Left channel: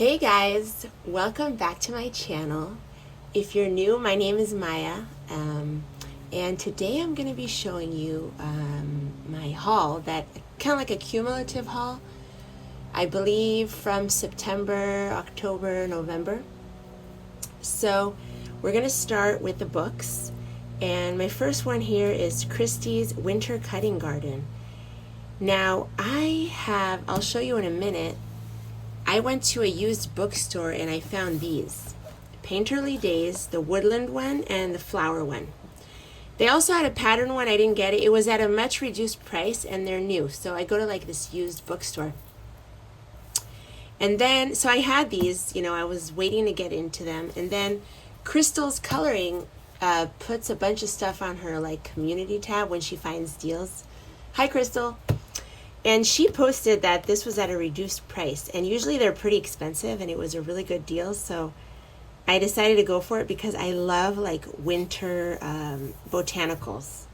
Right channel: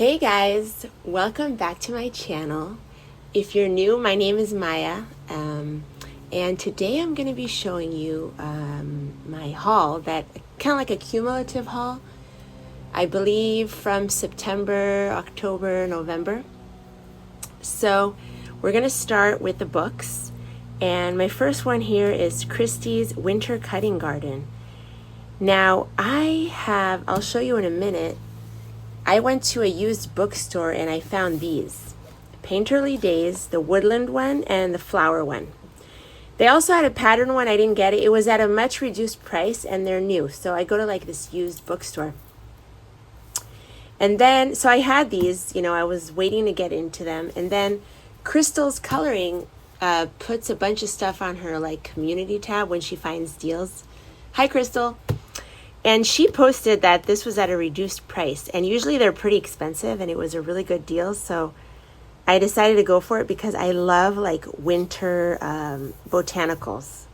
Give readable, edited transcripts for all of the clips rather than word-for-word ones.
Hey guys, welcome back to my channel. If you're new, my name is Maya, and today I'm going to be showing you my haul, that kind of like a cumulative haul, I believe from September, October, November. So we're going to start with the books, and my first one here is Christie's Winter Cutting Garden. Now I'll show you in a minute. I went to a used bookstore and I found these. Painterly Days, the woodland one and the flower one. They also had a pattern one, I didn't get it. It was at a much reduced price and they're new. So I go to like this used bookstore. And then, so I had these, I was waiting to get into them. And then Crystal's Coloring puts a bunch of stuff on her like community tab when she finds deals. Hi, Crystal. And she posted that this was at a reduced price, and usually they're pretty expensive, and it was a really good deal. So I decided to go for it because I love like winter botanicals.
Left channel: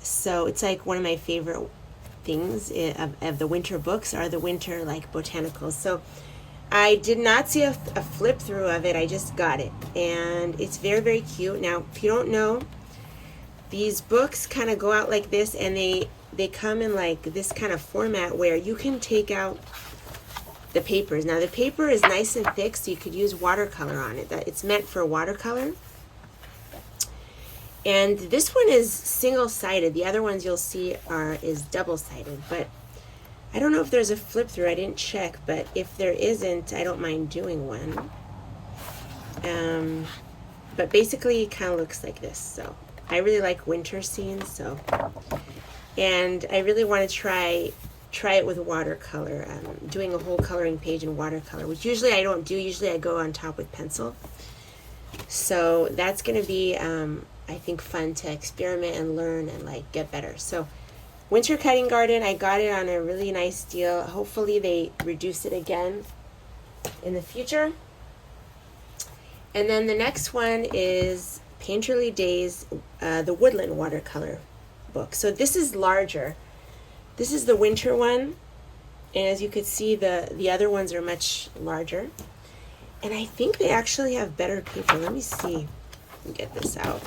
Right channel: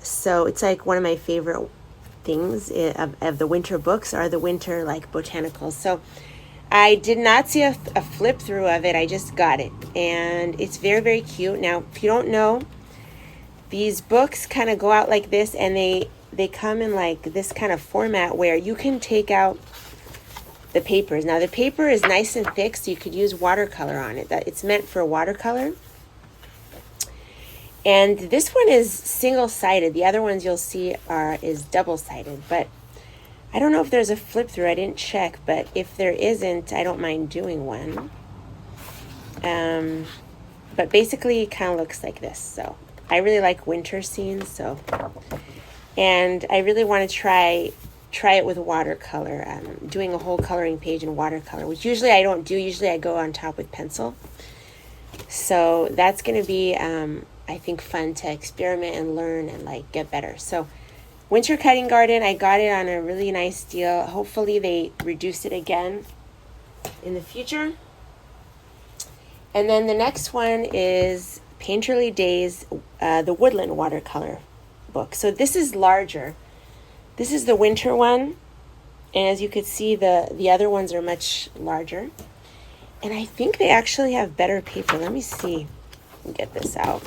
So it's like one of my favorite things of the winter books are the winter like botanicals. So I did not see a flip through of it. I just got it, and it's very, very cute. Now, if you don't know, these books kind of go out like this, and they come in like this kind of format where you can take out the papers. Now the paper is nice and thick, so you could use watercolor on it. It's meant for watercolor. And this one is single-sided. The other ones you'll see is double-sided. But I don't know if there's a flip through. I didn't check, but if there isn't, I don't mind doing one. But basically it kind of looks like this. So I really like winter scenes, and I really want to try it with watercolor. Doing a whole coloring page in watercolor, which usually I don't do. Usually I go on top with pencil. So that's going to be, I think, fun to experiment and learn and like get better. So Winter Cutting Garden, I got it on a really nice deal. Hopefully they reduce it again in the future. And then the next one is Painterly Days, the Woodland watercolor book. So this is larger. This is the winter one, and as you could see, the other ones are much larger, and I think they actually have better paper. Let me see. Let me get this out.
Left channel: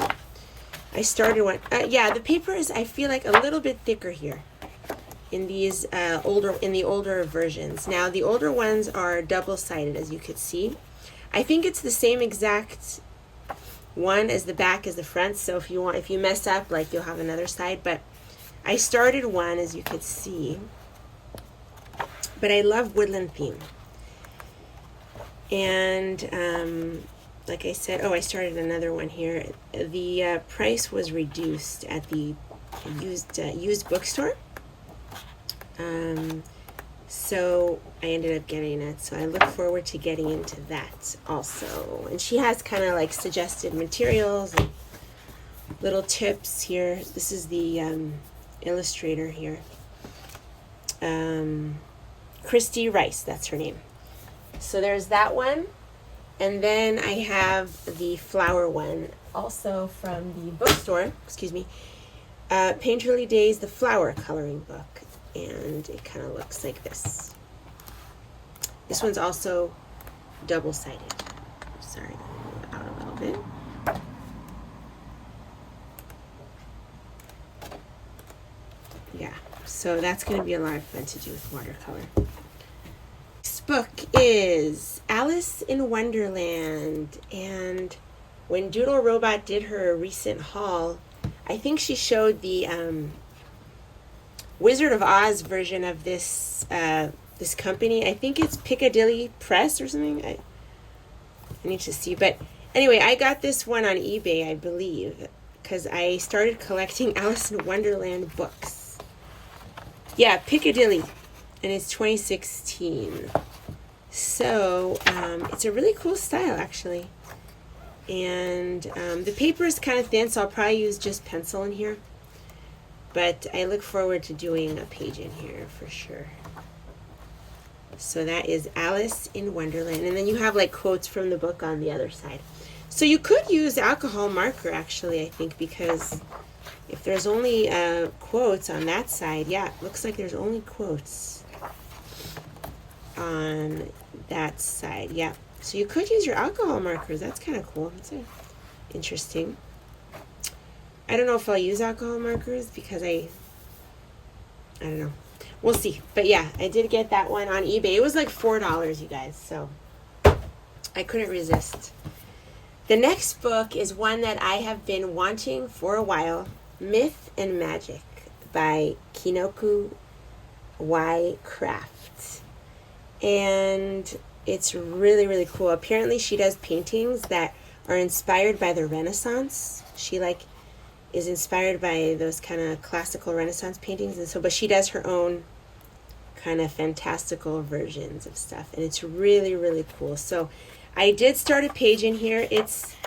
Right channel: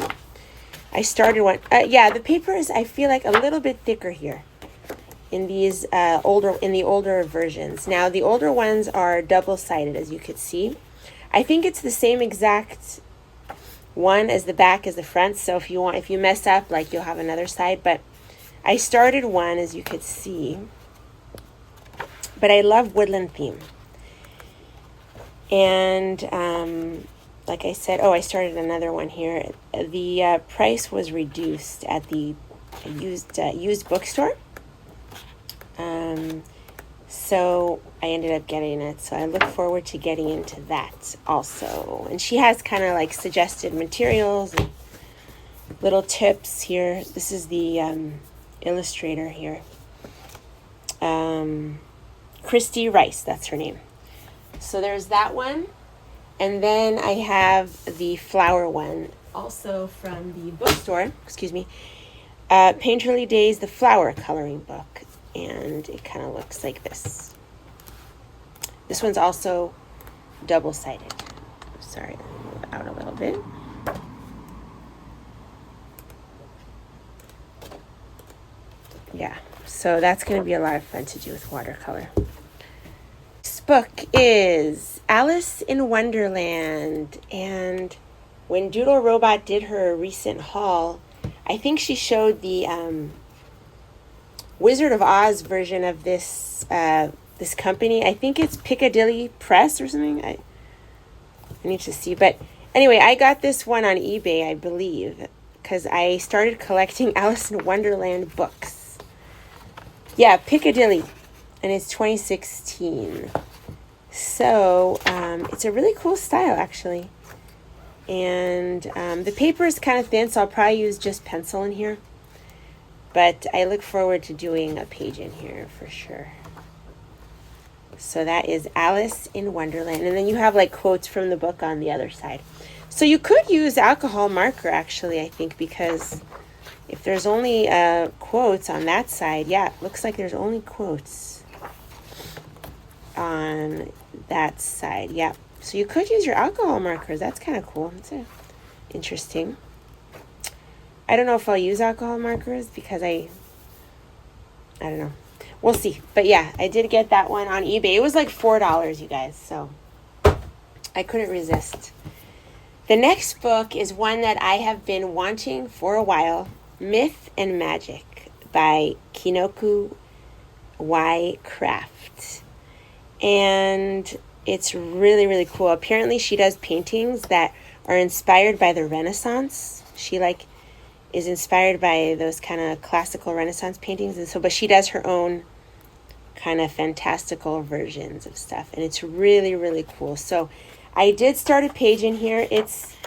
I started one. Yeah, the paper is, I feel like, a little bit thicker here in these the older versions. Now the older ones are double-sided, as you could see. I think it's the same exact one as the back as the front, so if you mess up, like, you'll have another side. But I started one, as you could see, but I love woodland theme. And like I said, I started another one here. The price was reduced at the used bookstore, so I ended up getting it. So I look forward to getting into that also. And she has kind of like suggested materials and little tips here. This is the illustrator here. Christy Rice, that's her name. So there's that one. And then I have the flower one, also from the bookstore, Painterly Days, the flower coloring book. And it kind of looks like this. This one's also double-sided. Sorry, let me move it out a little bit. Yeah, so that's going to be a lot of fun to do with watercolor. This book is Alice in Wonderland. And when Doodle Robot did her recent haul, I think she showed the Wizard of Oz version of this this company. I think it's Piccadilly Press or something. I need to see. But anyway, I got this one on eBay, I believe, because I started collecting Alice in Wonderland books. Yeah, Piccadilly, and it's 2016. So it's a really cool style, actually. And the paper is kind of thin, so I'll probably use just pencil in here. But I look forward to doing a page in here for sure. So that is Alice in Wonderland. And then you have like quotes from the book on the other side. So you could use alcohol marker, actually, I think, because if there's only quotes on that side, yeah, it looks like there's only quotes. on that side. Yeah. So you could use your alcohol markers. That's kind of cool. It's interesting. I don't know if I'll use alcohol markers because I don't know. We'll see. But yeah, I did get that one on eBay. It was like $4, you guys. So I couldn't resist. The next book is one that I have been wanting for a while. Myth and Magic by Kinoku Y Craft. And it's really, really cool. Apparently she does paintings that are inspired by the Renaissance. She is inspired by those kind of classical Renaissance paintings. And so, but she does her own kind of fantastical versions of stuff. And it's really, really cool. So I did start a page in here. It's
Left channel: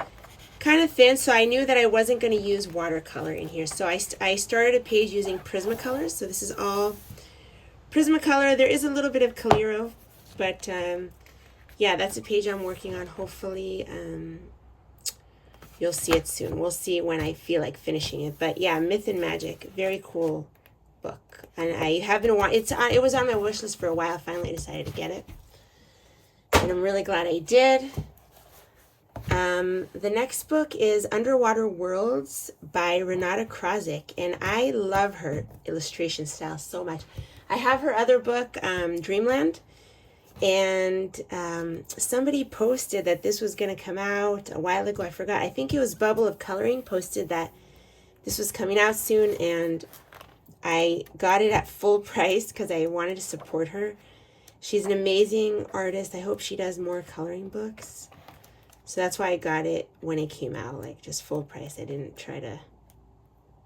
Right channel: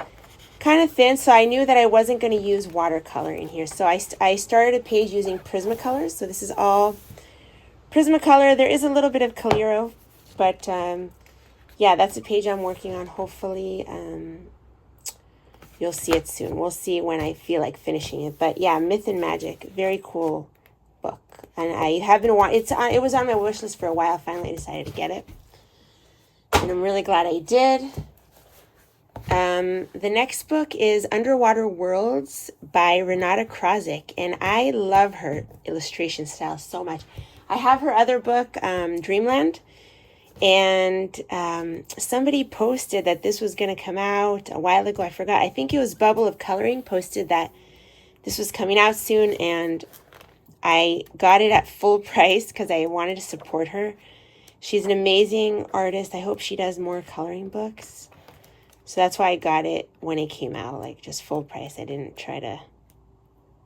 kind of thin, so I knew that I wasn't going to use watercolor in here. So I started a page using Prismacolor. So this is all Prismacolor. There is a little bit of Calero, but yeah, that's a page I'm working on. Hopefully, you'll see it soon. We'll see when I feel like finishing it. But yeah, Myth and Magic, very cool book. And I have been it was on my wish list for a while. I finally decided to get it, and I'm really glad I did. The next book is Underwater Worlds by Renata Krasik, and I love her illustration style so much. I have her other book, Dreamland, and somebody posted that this was going to come out a while ago. I forgot. I think it was Bubble of Coloring posted that this was coming out soon, and I got it at full price because I wanted to support her. She's an amazing artist. I hope she does more coloring books. So that's why I got it when it came out, like just full price. I didn't try to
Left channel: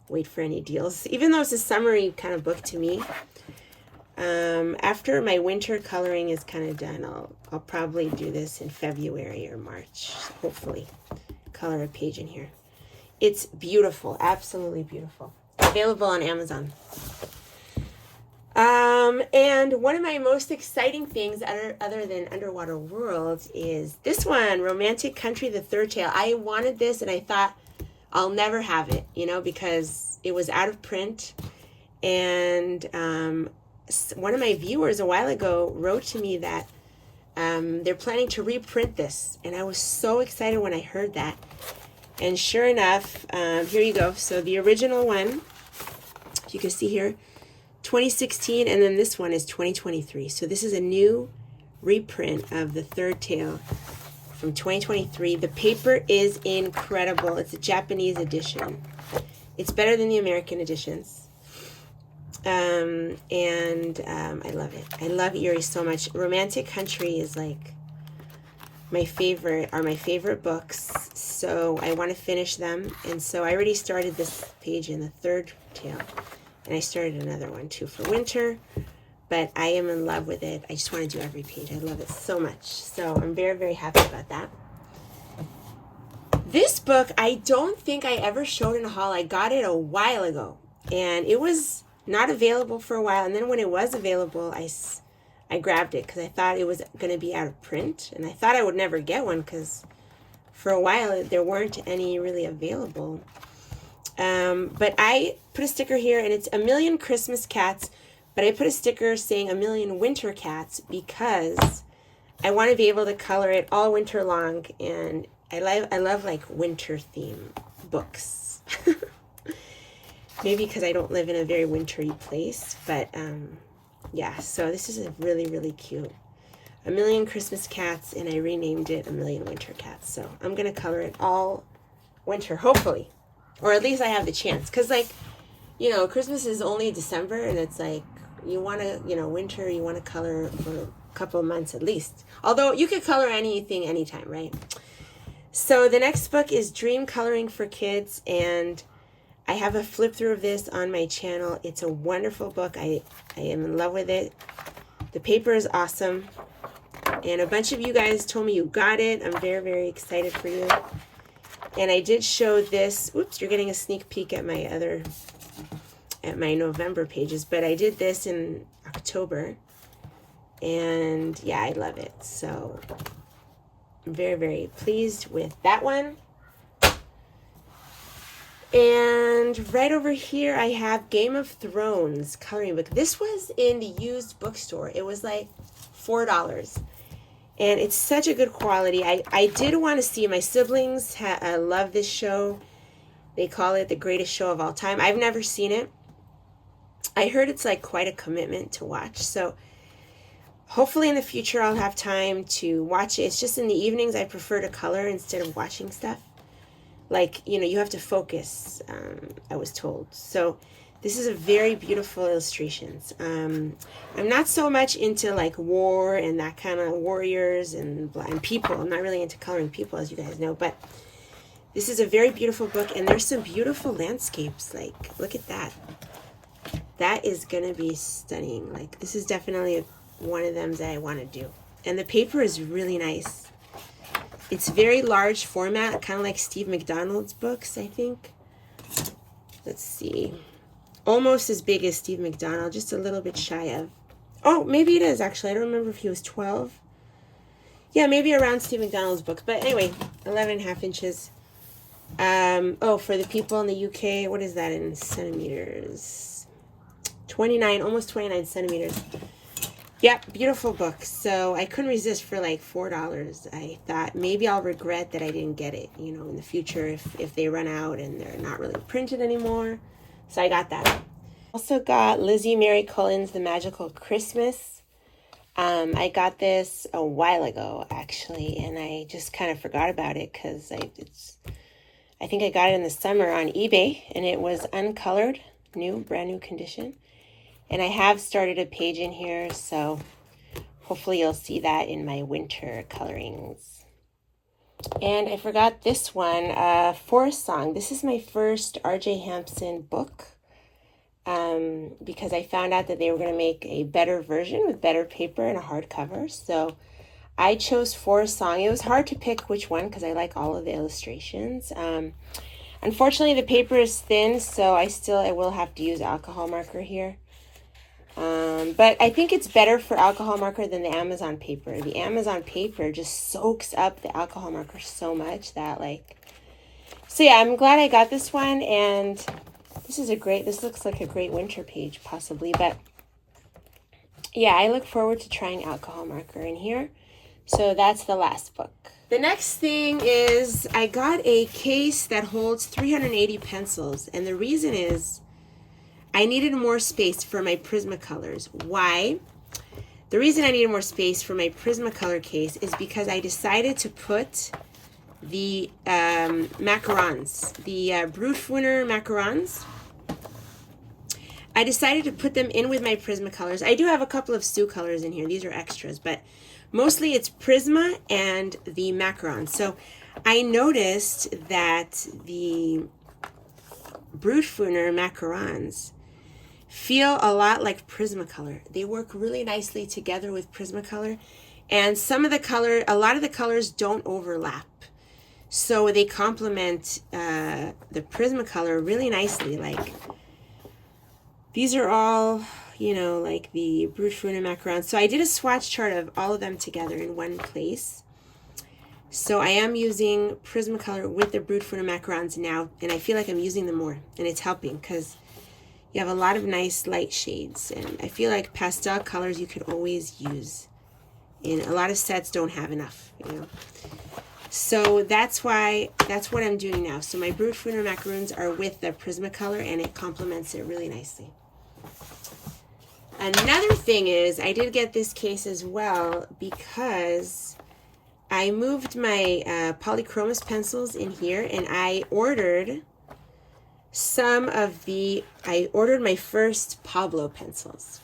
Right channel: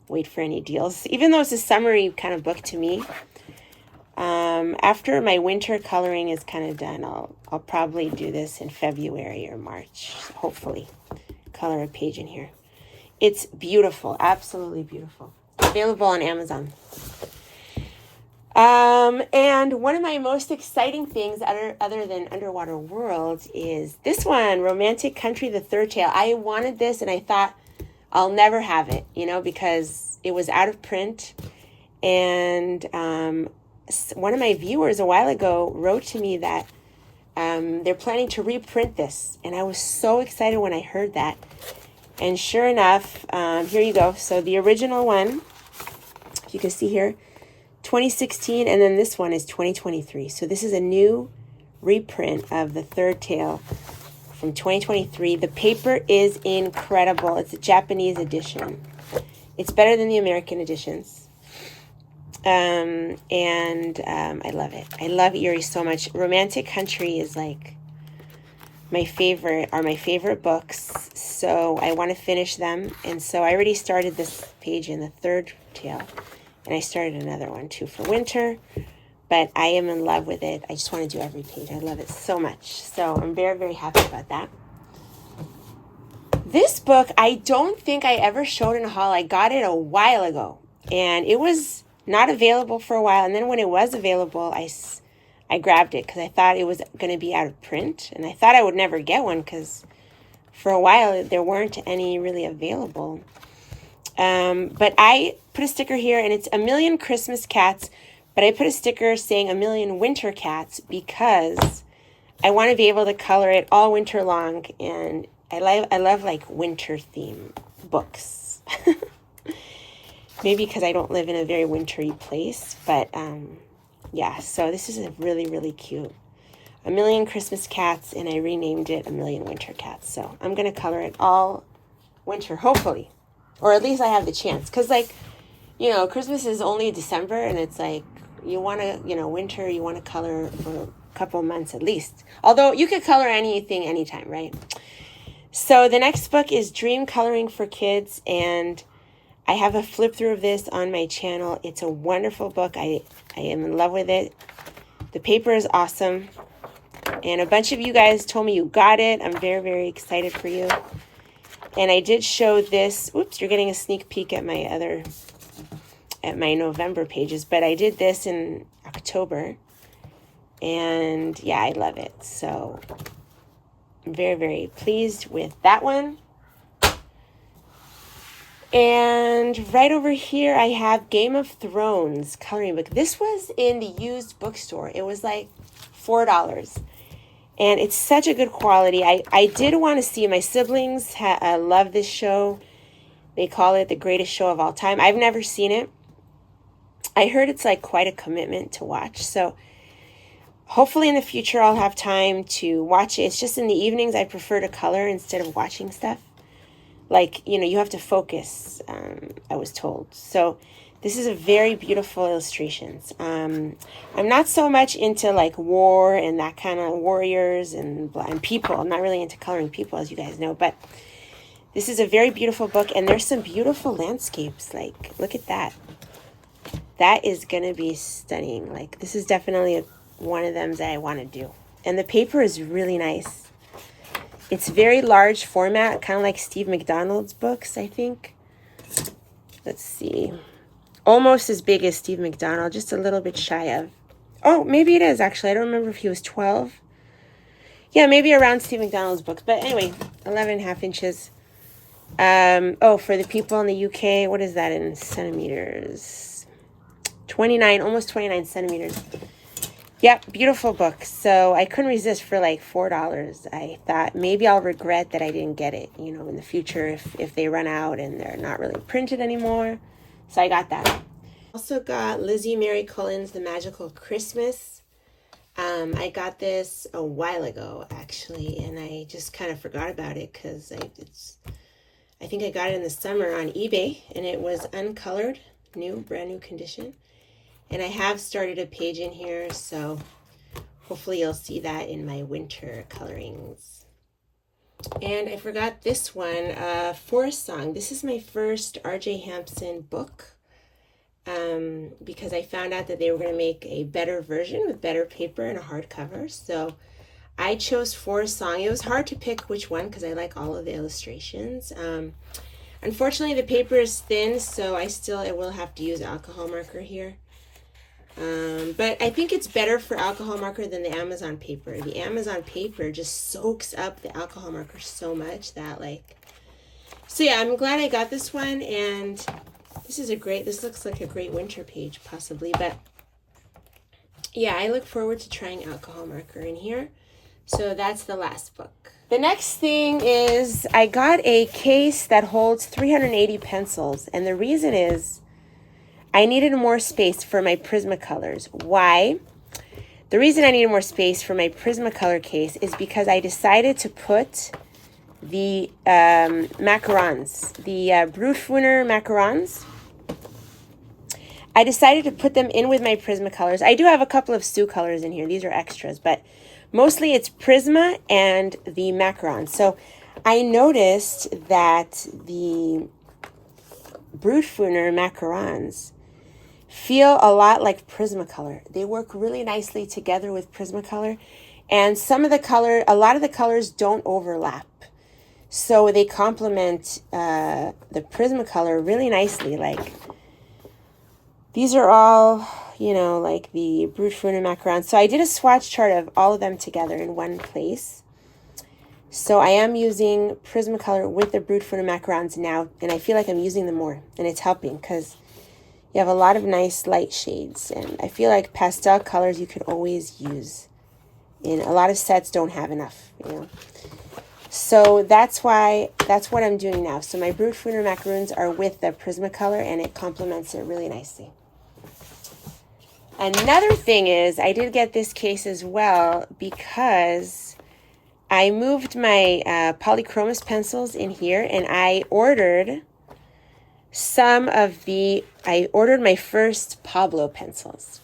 wait for any deals, even though it's a summery kind of book to me. After my winter coloring is kind of done, I'll probably do this in February or March, hopefully. Color a page in here. It's beautiful, absolutely beautiful. Available on Amazon. And one of my most exciting things other than Underwater Worlds is this one, Romantic Country, The Third Tale. I wanted this and I thought I'll never have it, because it was out of print. And one of my viewers a while ago wrote to me that they're planning to reprint this. And I was so excited when I heard that. And sure enough, here you go. So the original one, you can see here, 2016, and then this one is 2023. So this is a new reprint of The Third Tale from 2023. The paper is incredible. It's a Japanese edition. It's better than the American editions. I love it. I love Erie so much. Romantic Country is like my favorite books. So I want to finish them. And so I already started this page in The Third Tale. And I started another one too for winter, but I am in love with it. I just want to do every page. I love it so much. So I'm very, very happy about that. This book, I don't think I ever showed in a haul. I got it a while ago, and it was not available for a while. And then when it was available, I grabbed it because I thought it was going to be out of print. And I thought I would never get one because for a while there weren't any really available. But I put a sticker here, and it's 1,000,000 Christmas Cats, but I put a sticker saying 1,000,000 Winter Cats because I want to be able to color it all winter long, and I love like winter theme books. Maybe because I don't live in a very wintry place, but yeah, so this is a really, really cute 1,000,000 Christmas Cats, and I renamed it 1,000,000 Winter Cats. So I'm going to color it all winter, hopefully. Or at least I have the chance. Because, Christmas is only December. And it's like, you want to, winter, you want to color for a couple of months at least. Although, you could color anything anytime, right? So, the next book is Dream Coloring for Kids. And I have a flip through of this on my channel. It's a wonderful book. I am in love with it. The paper is awesome. And a bunch of you guys told me you got it. I'm very, very excited for you. And I did show this. Oops, you're getting a sneak peek at my November pages. But I did this in October. And yeah, I love it. So I'm very, very pleased with that one. And right over here, I have Game of Thrones coloring book. This was in the used bookstore. It was like $4. And it's such a good quality. I did want to see, my siblings love this show. They call it the greatest show of all time. I've never seen it. I heard it's like quite a commitment to watch. So hopefully in the future I'll have time to watch it. It's just in the evenings I prefer to color instead of watching stuff. Like, you know, you have to focus, I was told. So this is a very beautiful illustrations. I'm not so much into like war and that kind of warriors and people. I'm not really into coloring people, as you guys know, but this is a very beautiful book, and there's some beautiful landscapes. Like, look at that. That is going to be stunning. Like, this is definitely one of them that I want to do. And the paper is really nice. It's very large format, kind of like Steve McDonald's books, I think. Let's see. Almost as big as Steve McDonald, just a little bit shy of. Oh, maybe it is, actually. I don't remember if he was 12. Yeah, maybe around Steve McDonald's books. But anyway, 11.5 inches. Oh, for the people in the UK, what is that in centimeters? 29, almost 29 centimeters. Yeah, beautiful book. So I couldn't resist for like $4. I thought maybe I'll regret that I didn't get it, you know, in the future if they run out and they're not really printed anymore. So I got that. Also got Lizzie Mary Cullen's The Magical Christmas. I got this a while ago, actually, and I just kind of forgot about it because I think I got it in the summer on eBay, and it was uncolored, brand new condition. And I have started a page in here, so hopefully you'll see that in my winter colorings. And I forgot this one, Forest Song. This is my first R.J. Hampson book, because I found out that they were going to make a better version with better paper and a hardcover. So I chose Forest Song. It was hard to pick which one because I like all of the illustrations. Unfortunately, the paper is thin, so I will have to use alcohol marker here. But I think it's better for alcohol marker than the Amazon paper. The Amazon paper just soaks up the alcohol marker so much that so yeah, I'm glad I got this one, and this looks like a great winter page possibly, but yeah, I look forward to trying alcohol marker in here. So that's the last book. The next thing is I got a case that holds 380 pencils, and the reason is I needed more space for my Prismacolors. Why? The reason I needed more space for my Prismacolor case is because I decided to put the macarons, the Brutfuner macarons. I decided to put them in with my Prismacolors. I do have a couple of Sioux colors in here. These are extras, but mostly it's Prisma and the macarons. So I noticed that the Brutfuner macarons feel a lot like Prismacolor. They work really nicely together with Prismacolor, and a lot of the colors don't overlap. So they complement the Prismacolor really nicely. Like, these are all, you know, like the Brutfuner macarons. So I did a swatch chart of all of them together in one place. So I am using Prismacolor with the Brutfuner macarons now, and I feel like I'm using them more, and it's helping because you have a lot of nice light shades, and I feel like pastel colors you could always use. And a lot of sets don't have enough, you know. So that's what I'm doing now. So my Brutfuner macaroons are with the Prismacolor, and it complements it really nicely. Another thing is I did get this case as well because I moved my polychromos pencils in here, and I ordered my first Pablo pencils.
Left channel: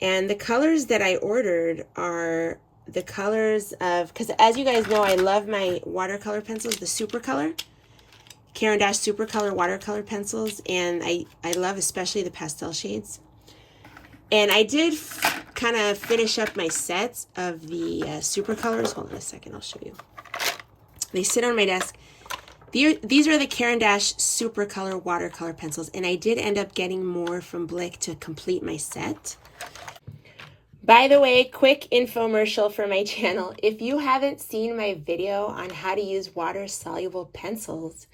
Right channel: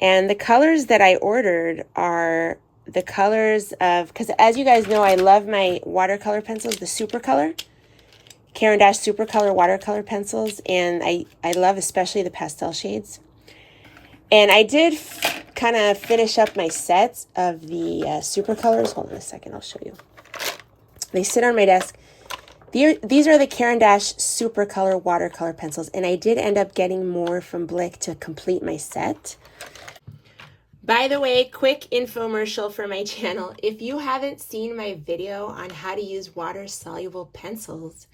And the colors that I ordered are the colors of, because as you guys know, I love my watercolor pencils, the Supercolor, Caran d'Ache Supercolor watercolor pencils, and I love especially the pastel shades. And I did kind of finish up my sets of the Supercolors. Hold on a second, I'll show you. They sit on my desk. These are the Caran d'Ache Supercolor watercolor pencils, and I did end up getting more from Blick to complete my set. By the way, quick infomercial for my channel. If you haven't seen my video on how to use water-soluble pencils,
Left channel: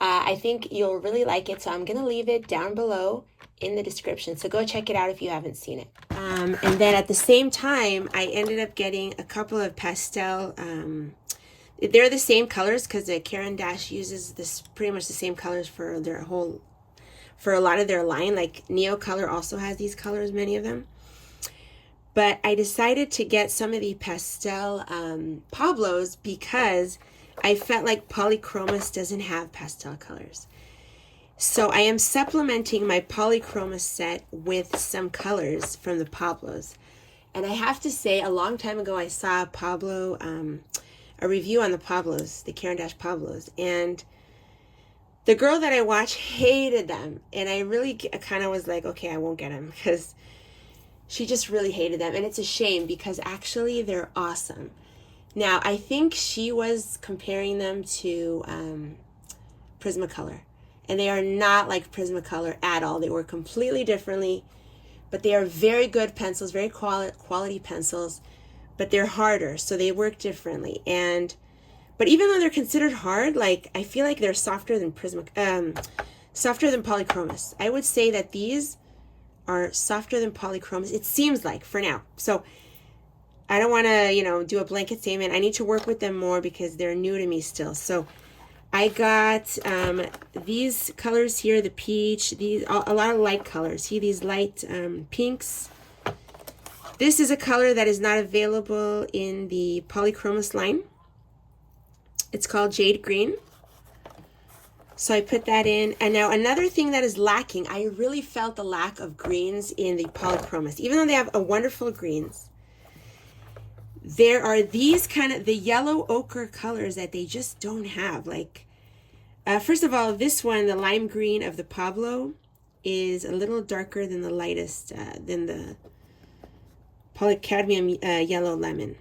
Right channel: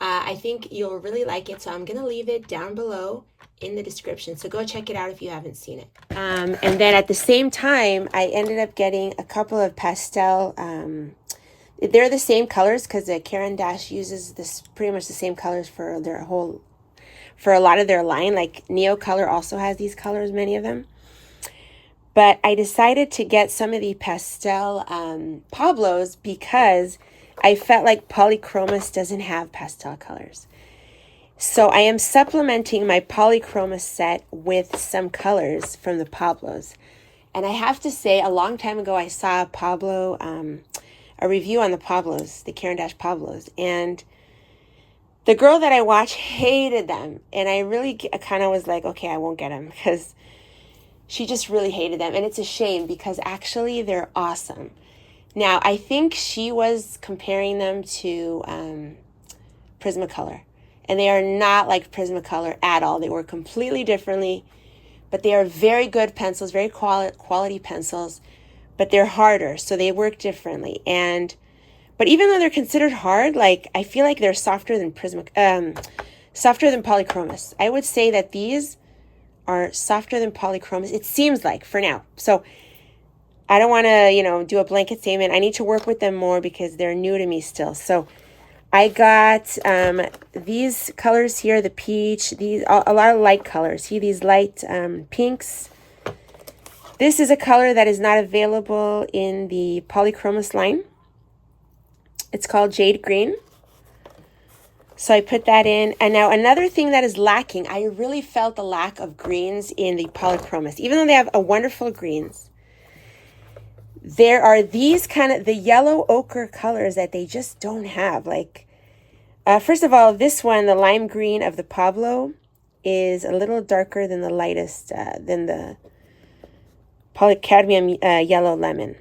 I think you'll really like it, so I'm going to leave it down below in the description. So go check it out if you haven't seen it. And then at the same time, I ended up getting a couple of pastel. They're the same colors because the Caran d'Ache uses this pretty much the same colors for their whole, for a lot of their line. Like Neo Color also has these colors, many of them. But I decided to get some of the pastel Pablos because I felt like Polychromos doesn't have pastel colors. So I am supplementing my Polychromos set with some colors from the Pablos. And I have to say, a long time ago, I saw a review on the Pablos, the Caran d'Ache Pablos. And the girl that I watched hated them. And I really kind of was like, okay, I won't get them because she just really hated them. And it's a shame because actually they're awesome. Now, I think she was comparing them to Prismacolor. And they are not like Prismacolor at all. They were completely differently. But they are very good pencils, very quality pencils. But they're harder, so they work differently. But even though they're considered hard, like I feel like they're softer than softer than Polychromos. I would say that these are softer than Polychromos. It seems like for now. So I don't want to, do a blanket statement. I need to work with them more because they're new to me still. So I got these colors here, the peach, these a lot of light colors. See these light pinks. This is a color that is not available in the Polychromos line. It's called Jade Green. So I put that in. And now another thing that is lacking, I really felt the lack of greens in the Polychromos. Even though they have a wonderful greens, there are these kind of, the yellow ochre colors that they just don't have. Like, first of all, this one, the lime green of the Pablo, is a little darker than the lightest, than the polycadmium yellow lemon.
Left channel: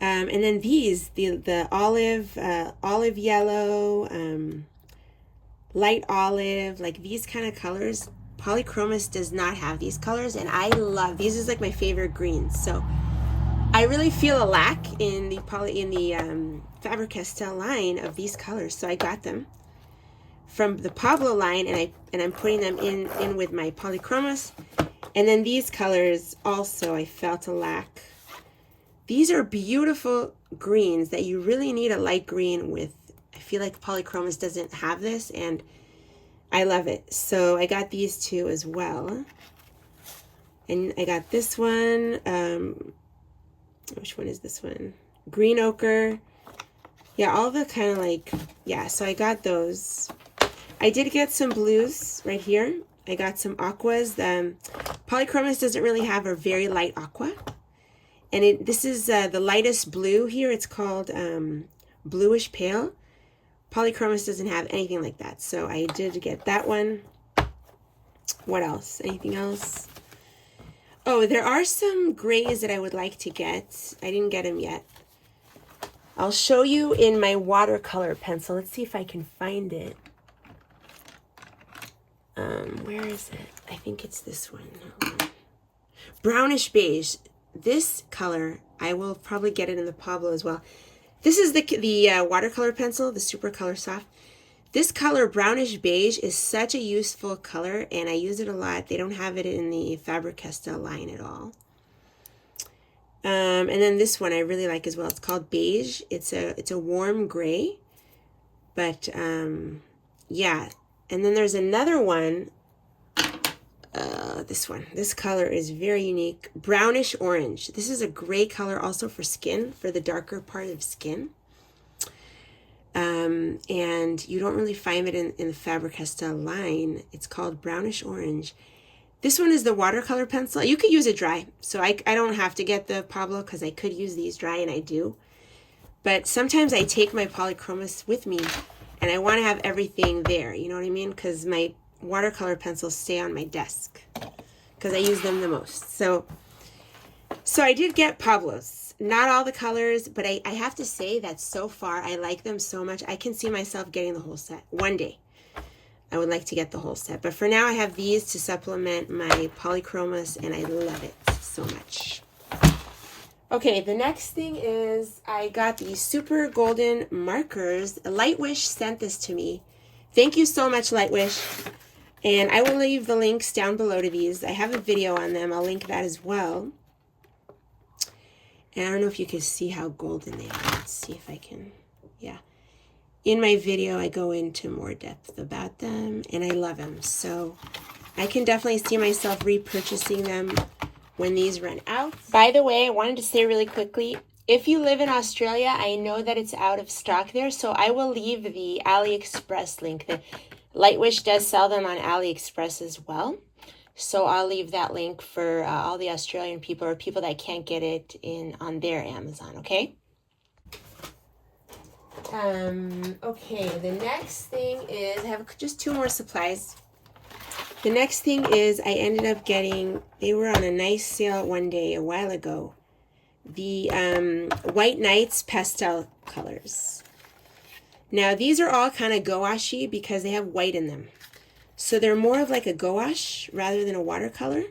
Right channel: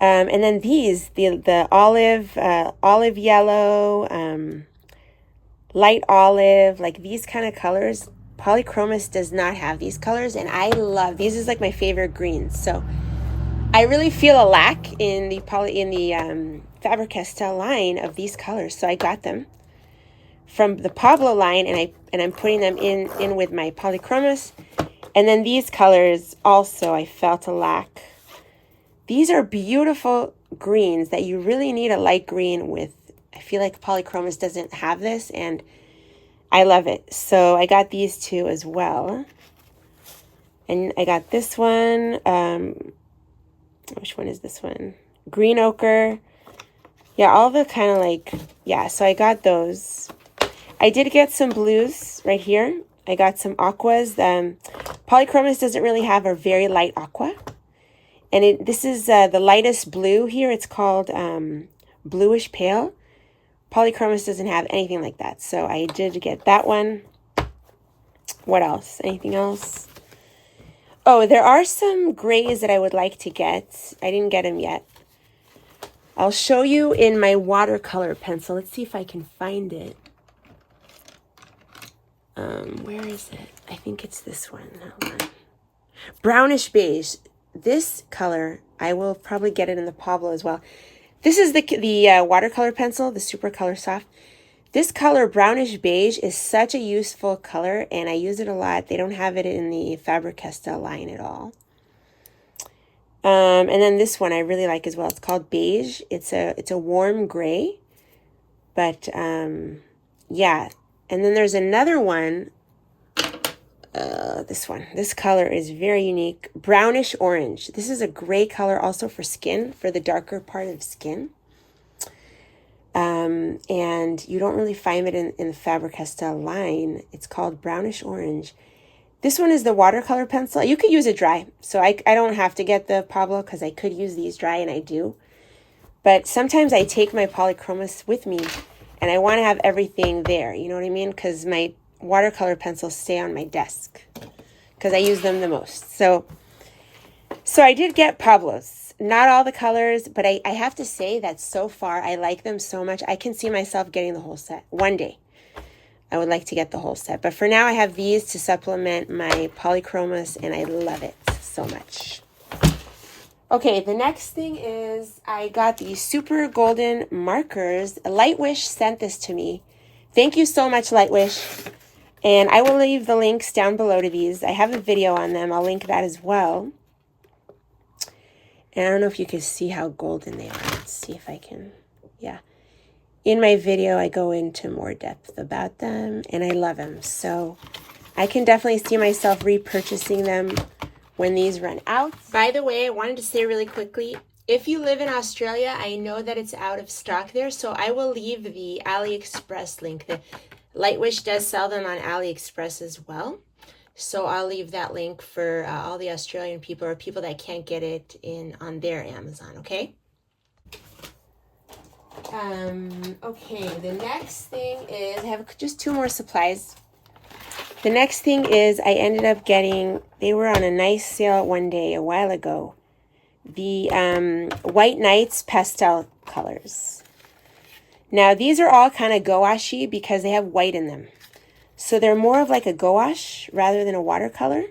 And then these, the olive yellow, light olive, like these kind of colors, Polychromos does not have these colors, and I love these. Is like my favorite greens. So I really feel a lack in the Faber-Castell line of these colors. So I got them from the Pablo line, and I'm putting them in with my Polychromos. And then these colors also I felt a lack. These are beautiful greens that you really need a light green with. I feel like Polychromos doesn't have this, and I love it. So I got these two as well. And I got this one. Which one is this one? Green ochre. Yeah, all the kind of like, yeah, so I got those. I did get some blues right here. I got some aquas. Polychromos doesn't really have a very light aqua. And this is the lightest blue here. It's called bluish pale. Polychromos doesn't have anything like that. So I did get that one. What else? Anything else? Oh, there are some grays that I would like to get. I didn't get them yet. I'll show you in my watercolor pencil. Let's see if I can find it. Where is it? I think it's this one. Hold on. Brownish beige. This color, I will probably get it in the Pablo as well. This is the watercolor pencil, the Super Color Soft. This color, brownish beige, is such a useful color, and I use it a lot. They don't have it in the Faber-Castell line at all. And then this one I really like as well. It's called beige. It's a warm gray, but yeah. And then there's another one. This one. This color is very unique. Brownish orange. This is a gray color also for skin, for the darker part of skin. And you don't really find it in the Faber-Castell line. It's called brownish orange. This one is the watercolor pencil. You could use it dry. So I don't have to get the Pablo because I could use these dry, and I do. But sometimes I take my Polychromos with me and I want to have everything there. You know what I mean? Because my watercolor pencils stay on my desk because I use them the most. So I did get Pablos. Not all the colors, but I have to say that so far I like them so much. I can see myself getting the whole set. One day I would like to get the whole set. But for now I have these to supplement my Polychromos, and I love it so much. Okay, the next thing is I got these super golden markers. Lightwish sent this to me. Thank you so much, Lightwish. And I will leave the links down below to these. I have a video on them. I'll link that as well. And I don't know if you can see how golden they are. Let's see if I can. Yeah. In my video, I go into more depth about them, and I love them. So I can definitely see myself repurchasing them when these run out. By the way, I wanted to say really quickly, if you live in Australia, I know that it's out of stock there, so I will leave the AliExpress link. The Lightwish does sell them on AliExpress as well. So I'll leave that link for all the Australian people or people that can't get it on their Amazon, okay? Okay, the next thing is, I have just 2 more supplies. The next thing is I ended up getting, they were on a nice sale one day a while ago, the White Nights pastel colors. Now these are all kind of gouache because they have white in them. So they're more of like a gouache rather than a watercolor,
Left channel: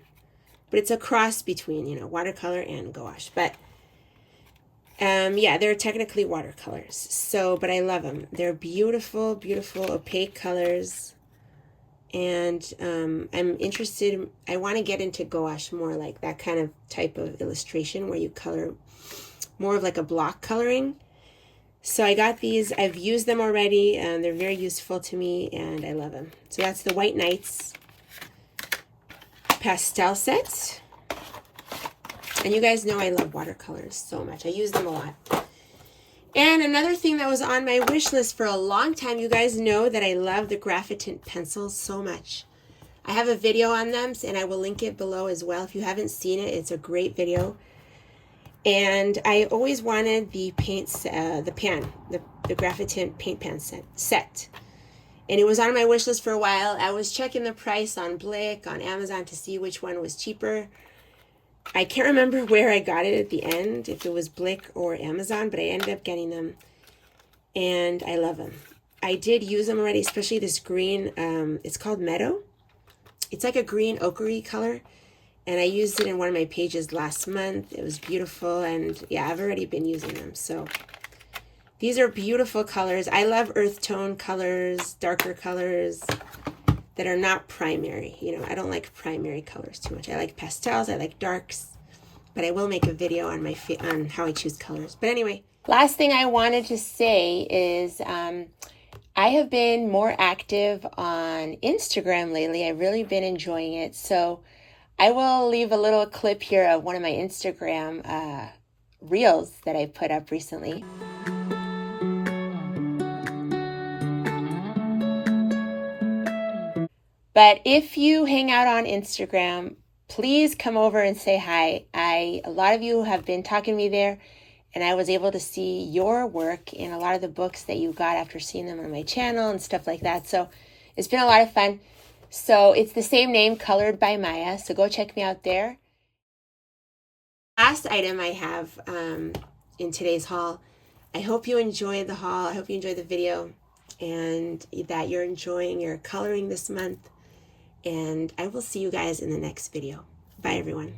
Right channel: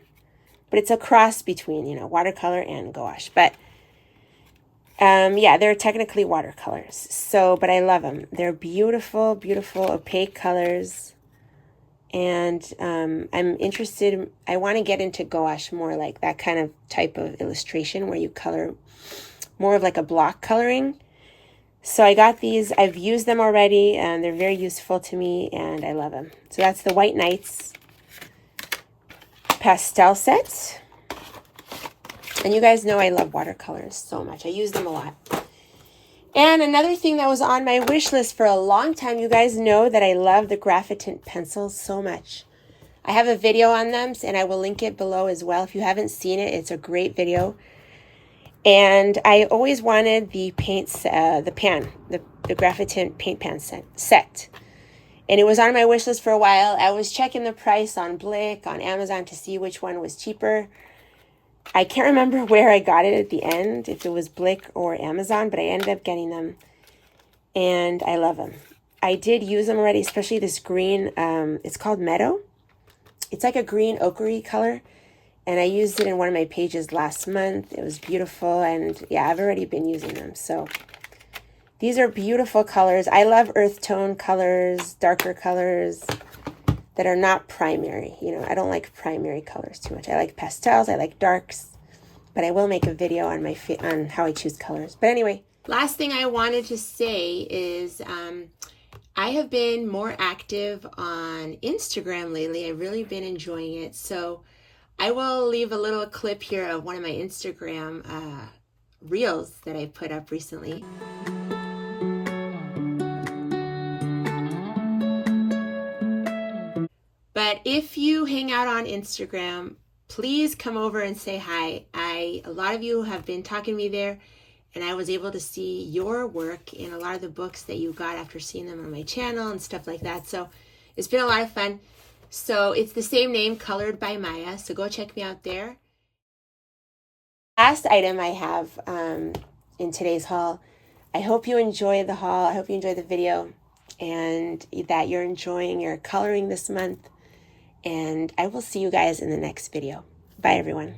but it's a cross between, you know, watercolor and gouache. But yeah, they're technically watercolors. So, but I love them. They're beautiful, beautiful opaque colors. And I'm interested, I want to get into gouache more, like that kind of type of illustration where you color more of like a block coloring. So I got these, I've used them already, and they're very useful to me, and I love them. So that's the White Nights pastel set. And you guys know I love watercolors so much. I use them a lot. And another thing that was on my wish list for a long time, you guys know that I love the Graphite pencils so much. I have a video on them, and I will link it below as well. If you haven't seen it, it's a great video. And I always wanted the paints, the Graphite paint pan set. And it was on my wish list for a while. I was checking the price on Blick, on Amazon to see which one was cheaper. I can't remember where I got it at the end, if it was Blick or Amazon, but I ended up getting them. And I love them. I did use them already, especially this green, it's called Meadow. It's like a green ochre color. And I used it in one of my pages last month. It was beautiful, and yeah, I've already been using them. So these are beautiful colors. I love earth tone colors, darker colors that are not primary. You know, I don't like primary colors too much. I like pastels, I like darks, but I will make a video on on how I choose colors. But anyway, last thing I wanted to say is I have been more active on Instagram lately. I've really been enjoying it. So I will leave a little clip here of one of my Instagram reels that I put up recently. But if you hang out on Instagram, please come over and say hi. A lot of you have been talking to me there, and I was able to see your work in a lot of the books that you got after seeing them on my channel and stuff like that. So it's been a lot of fun. So it's the same name, Colored by Maya. So go check me out there. Last item I have in today's haul. I hope you enjoyed the haul. I hope you enjoyed the video, and that you're enjoying your coloring this month. And I will see you guys in the next video. Bye, everyone.